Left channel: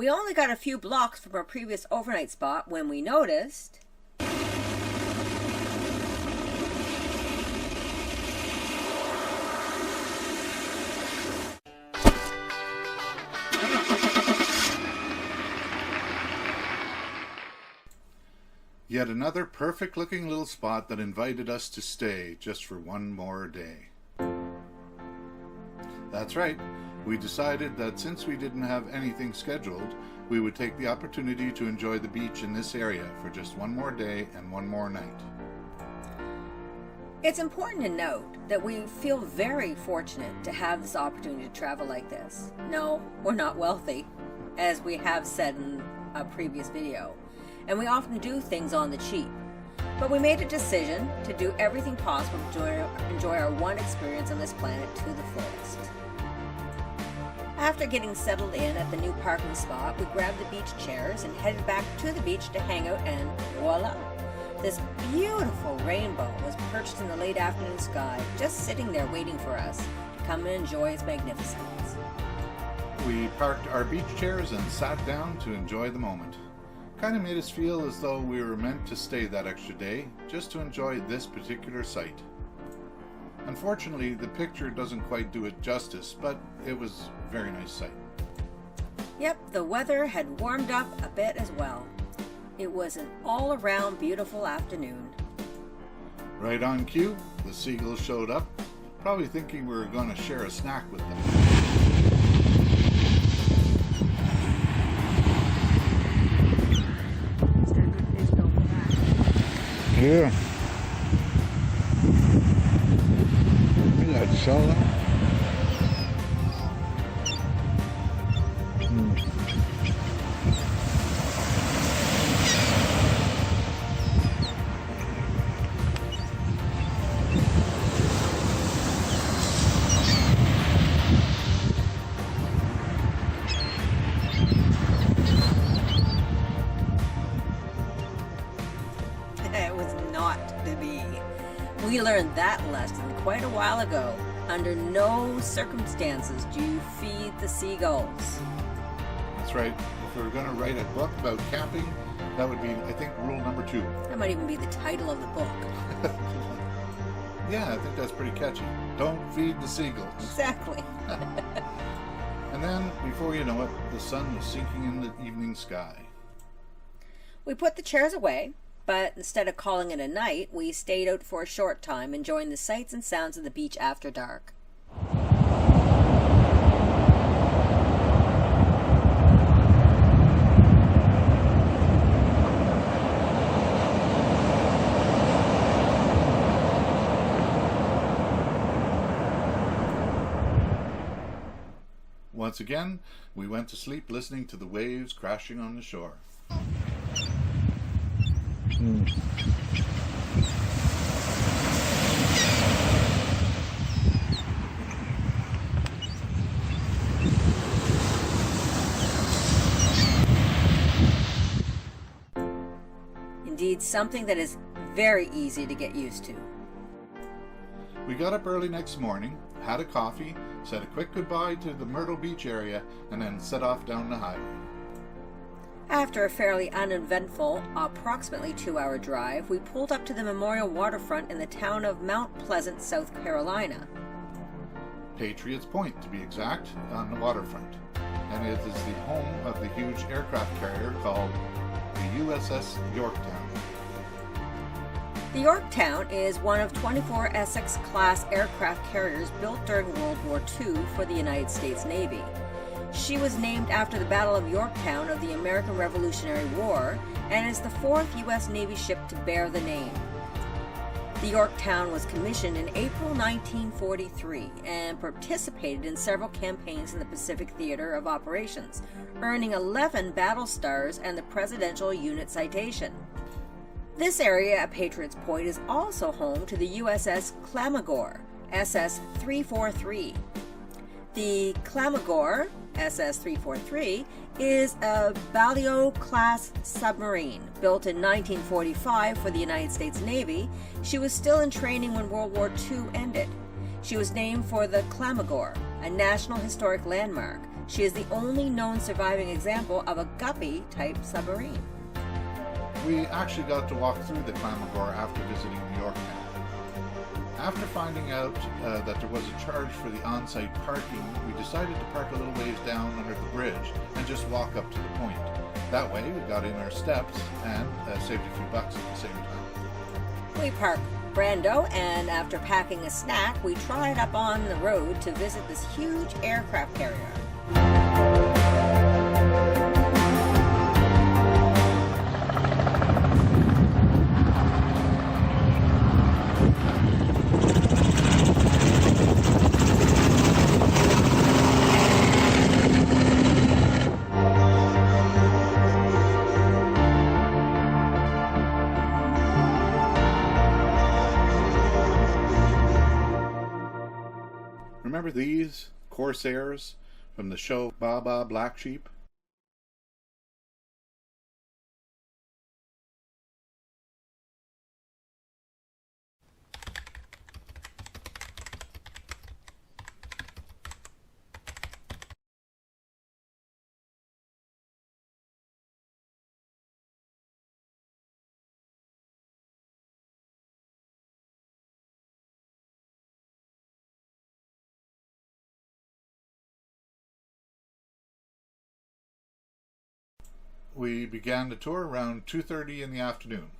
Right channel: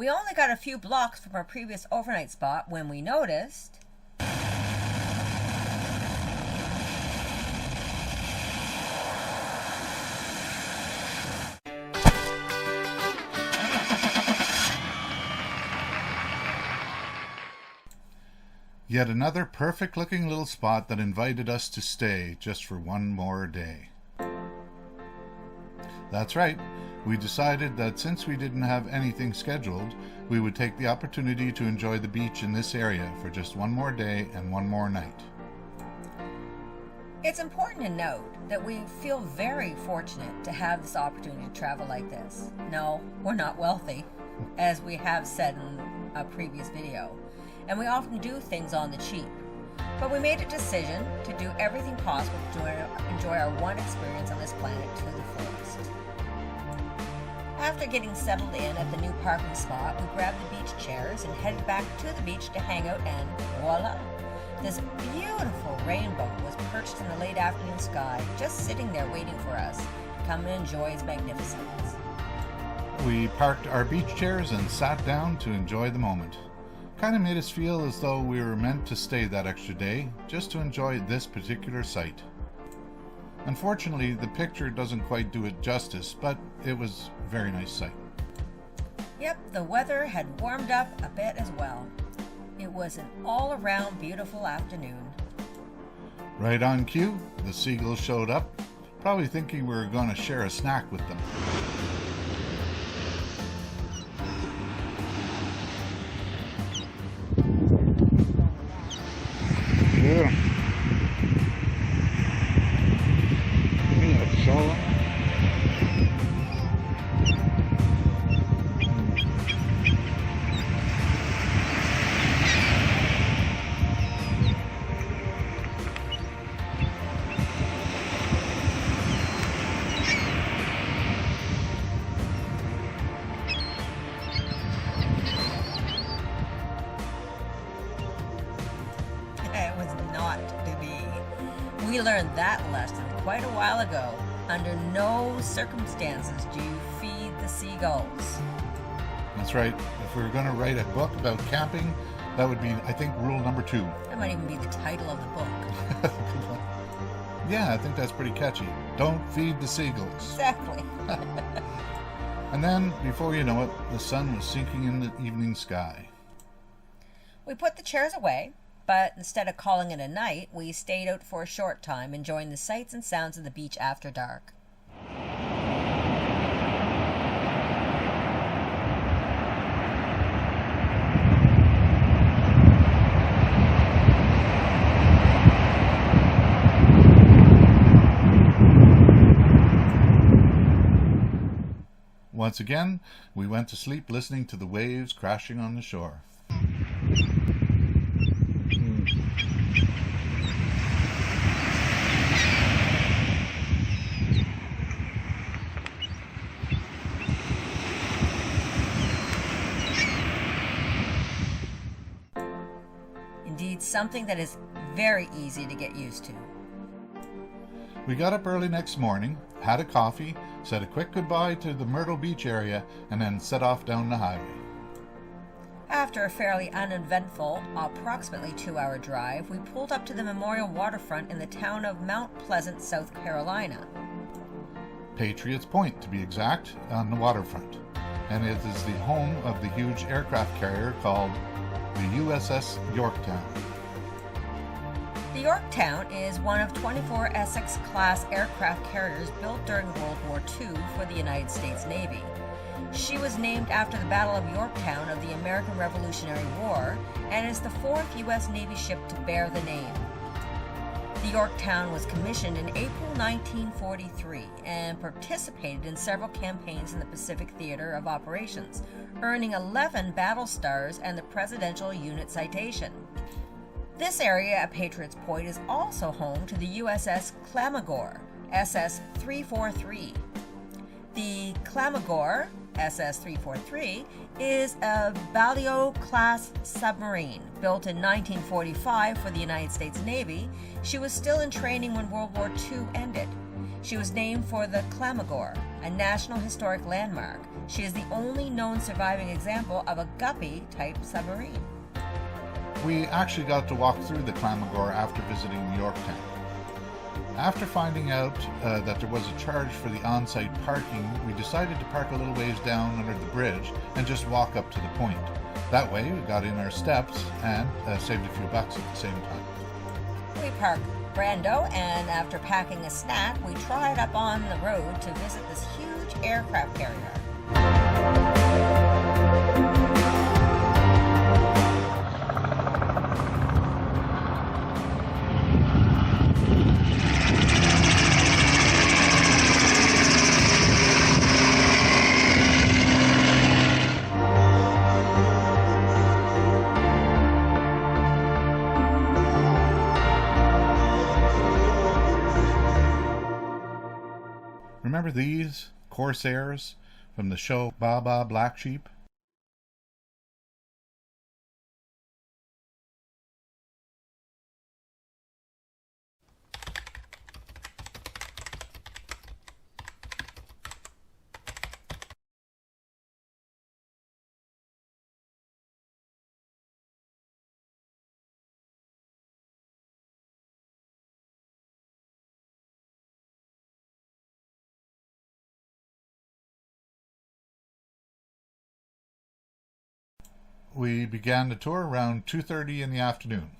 We only got a few blocks from our previous overnight spot when we noticed yet another perfect-looking little spot that invited us to stay just for one more day. That's right, we decided that since we didn't have anything scheduled, we would take the opportunity to enjoy the beach in this area for just one more day and one more night. it's important to note that we feel very fortunate to have this opportunity to travel like this. No, we're not wealthy, as we have said in a previous video, and we often do things on the cheap. But we made a decision to do everything possible to enjoy our one experience on this planet to the fullest. After getting settled in at the new parking spot, we grabbed the beach chairs and headed back to the beach to hang out, and voila! This beautiful rainbow was perched in the late afternoon sky, just sitting there waiting for us to come and enjoy its magnificence. We parked our beach chairs and sat down to enjoy the moment. Kind of made us feel as though we were meant to stay that extra day just to enjoy this particular site. Unfortunately, the picture doesn't quite do it justice, but it was a very nice sight. Yep, the weather had warmed up a bit as well. It was an all-around beautiful afternoon. Right on cue, the seagulls showed up, probably thinking we were going to share a snack with them. Yeah. Isn't that so? It was not to be. We learned that lesson quite a while ago. Under no circumstances do you feed the seagulls. That's right. If we were going to write a book about camping, that would be, I think, rule number 2. That might even be the title of the book. Yeah, I think that's pretty catchy. Don't feed the seagulls. Exactly. And then, before you know it, the sun was sinking in the evening sky. We put the chairs away, but instead of calling it a night, we stayed out for a short time, enjoying the sights and sounds of the beach after dark. Once again, we went to sleep listening to the waves crashing on the shore. Indeed, something that is very easy to get used to. We got up early next morning, had a coffee, said a quick goodbye to the Myrtle Beach area, and then set off down the highway. After a fairly uneventful, approximately 2-hour drive, we pulled up to the Memorial Waterfront in the town of Mount Pleasant, South Carolina. Patriots Point, to be exact, on the waterfront. And it is the home of the huge aircraft carrier called the USS Yorktown. The Yorktown is one of 24 Essex-class aircraft carriers built during World War II for the United States Navy. She was named after the Battle of Yorktown of the American Revolutionary War and is the 4th U.S. Navy ship to bear the name. The Yorktown was commissioned in April 1943 and participated in several campaigns in the Pacific Theater of Operations, earning 11 battle stars and the Presidential Unit Citation. This area at Patriots Point is also home to the USS Clamagore, SS-343. The Clamagore, SS-343, is a Balliol-class submarine. Built in 1945 for the United States Navy, she was still in training when World War II ended. She was named for the Clamagore, a National Historic Landmark. She is the only known surviving example of a guppy-type submarine. We actually got to walk through the Clamagore after visiting Yorktown. After finding out that there was a charge for the on-site parking, we decided to park a little ways down under the bridge and just walk up to the point. That way we got in our steps and saved a few bucks at the same time. We parked Brando, and after packing a snack, we trotted up on the road to visit this huge aircraft carrier. Remember these Corsairs from the show Baba Black Sheep? We began the tour around 2:30 in the afternoon.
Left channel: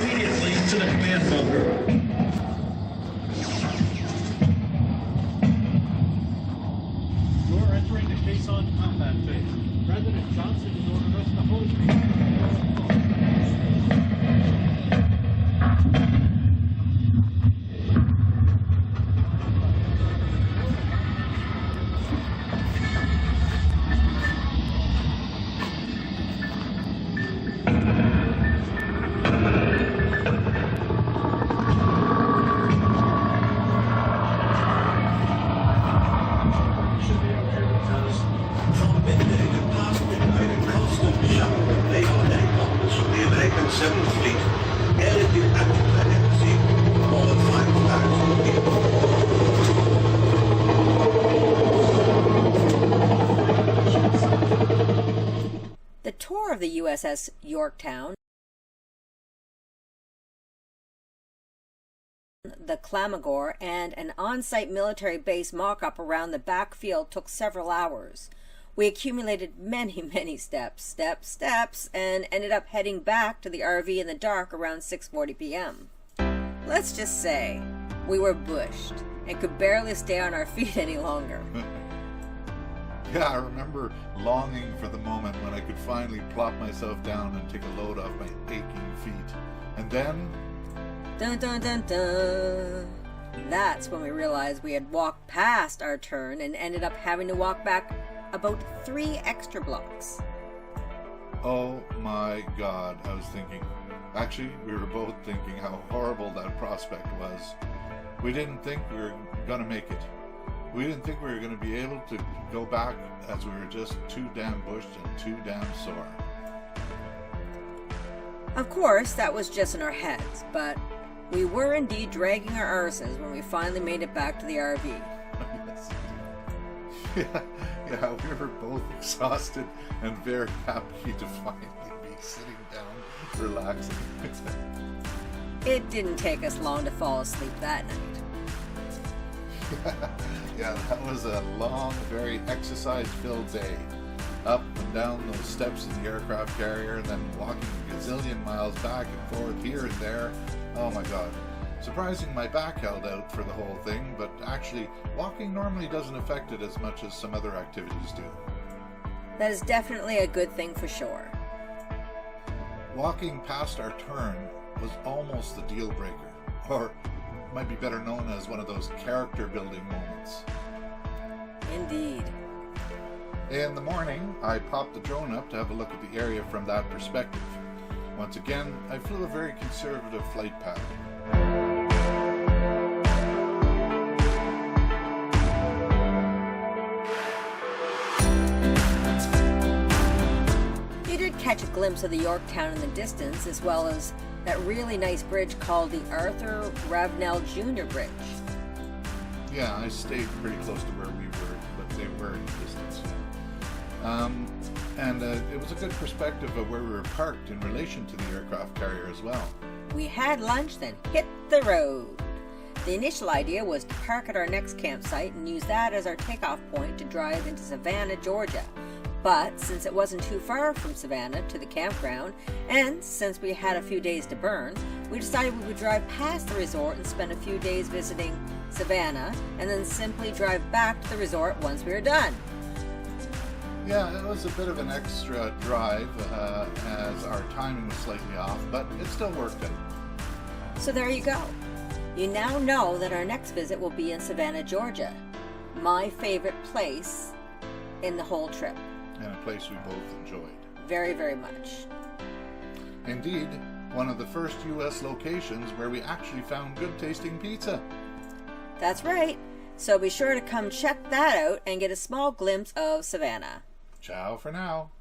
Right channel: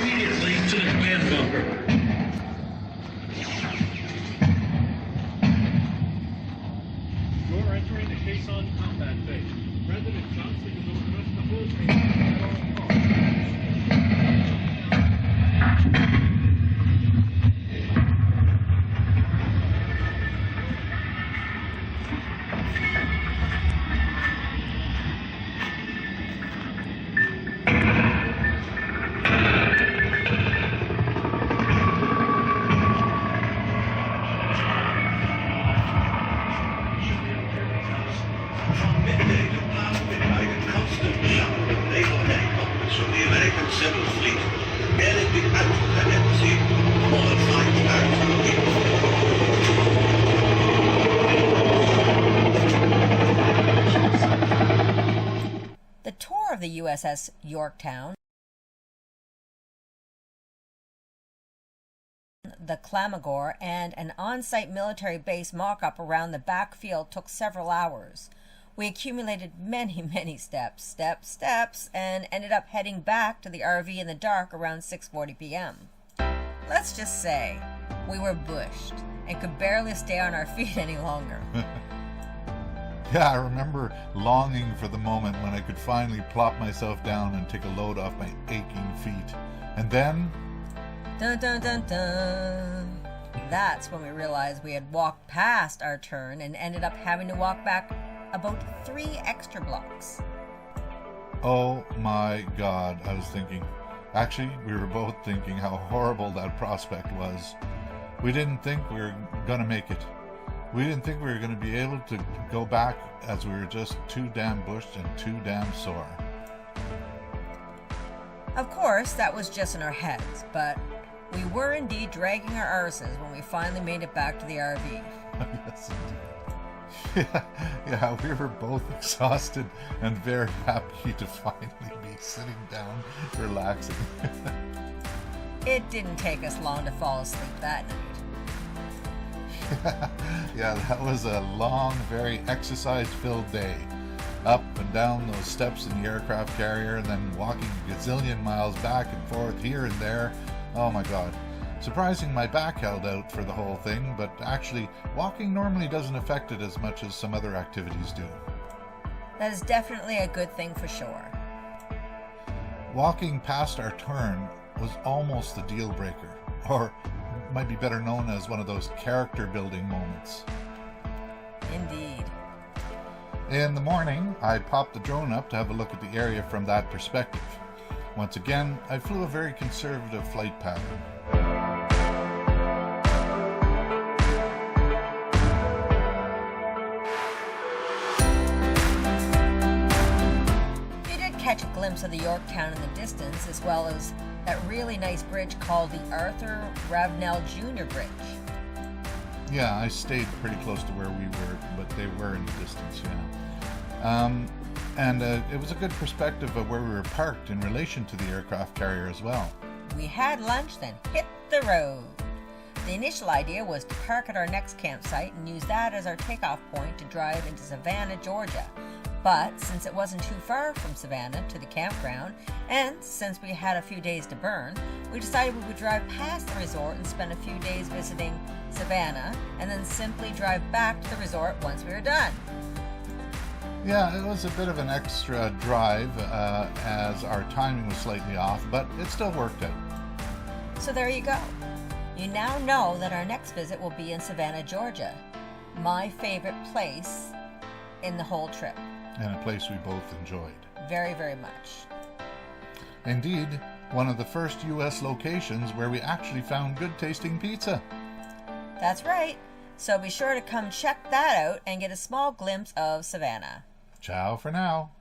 Immediately to the command bunker. You're entering the caisson combat phase. President Johnson has ordered us to hold. Should be okay with that. The tour of the USS Yorktown, the Clamagore, and an on-site military base mock-up around the backfield took several hours. We accumulated many steps, and ended up heading back to the RV in the dark around 6:40 p.m. Let's just say we were bushed and could barely stay on our feet any longer. Yeah, I remember longing for the moment when I could finally plop myself down and take a load off my aching feet. And then... Dun dun dun dun! That's when we realized we had walked past our turn and ended up having to walk back about 3 extra blocks. Oh my God, I was thinking. Actually, we were both thinking how horrible that prospect was. We didn't think we were gonna make it. We didn't think we were gonna be able to go back, as we were just too damn bushed and too damn sore. Of course, that was just in our heads, but we were indeed dragging our arses when we finally made it back to the RV. Yes, yeah, we were both exhausted and very happy to finally be sitting down, relaxing. It didn't take us long to fall asleep that night. Yeah, that was a long, very exercise-filled day. Up and down those steps in the aircraft carrier, and then walking a gazillion miles back and forth here and there. Oh my God. Surprising my back held out for the whole thing, but actually, walking normally doesn't affect it as much as some other activities do. That is definitely a good thing for sure. Walking past our turn was almost the deal breaker, or might be better known as one of those character building moments. Indeed. In the morning, I popped the drone up to have a look at the area from that perspective. Once again, I flew a very conservative flight pattern. You did catch a glimpse of the Yorktown in the distance, as well as that really nice bridge called the Arthur Ravenel Jr. Bridge. Yeah, I stayed pretty close to where we were, but they were in the distance, yeah. It was a good perspective of where we were parked in relation to the aircraft carrier as well. We had lunch, then hit the road. The initial idea was to park at our next campsite and use that as our takeoff point to drive into Savannah, Georgia. But since it wasn't too far from Savannah to the campground, and since we had a few days to burn, we decided we would drive past the resort and spend a few days visiting Savannah, and then simply drive back to the resort once we were done. Yeah, it was a bit of an extra drive as our timing was slightly off, but it still worked out. So there you go. You now know that our next visit will be in Savannah, Georgia. My favorite place in the whole trip. And a place we both enjoyed. Very, very much. Indeed, one of the first U.S. locations where we actually found good tasting pizza. That's right. So be sure to come check that out and get a small glimpse of Savannah. Ciao for now.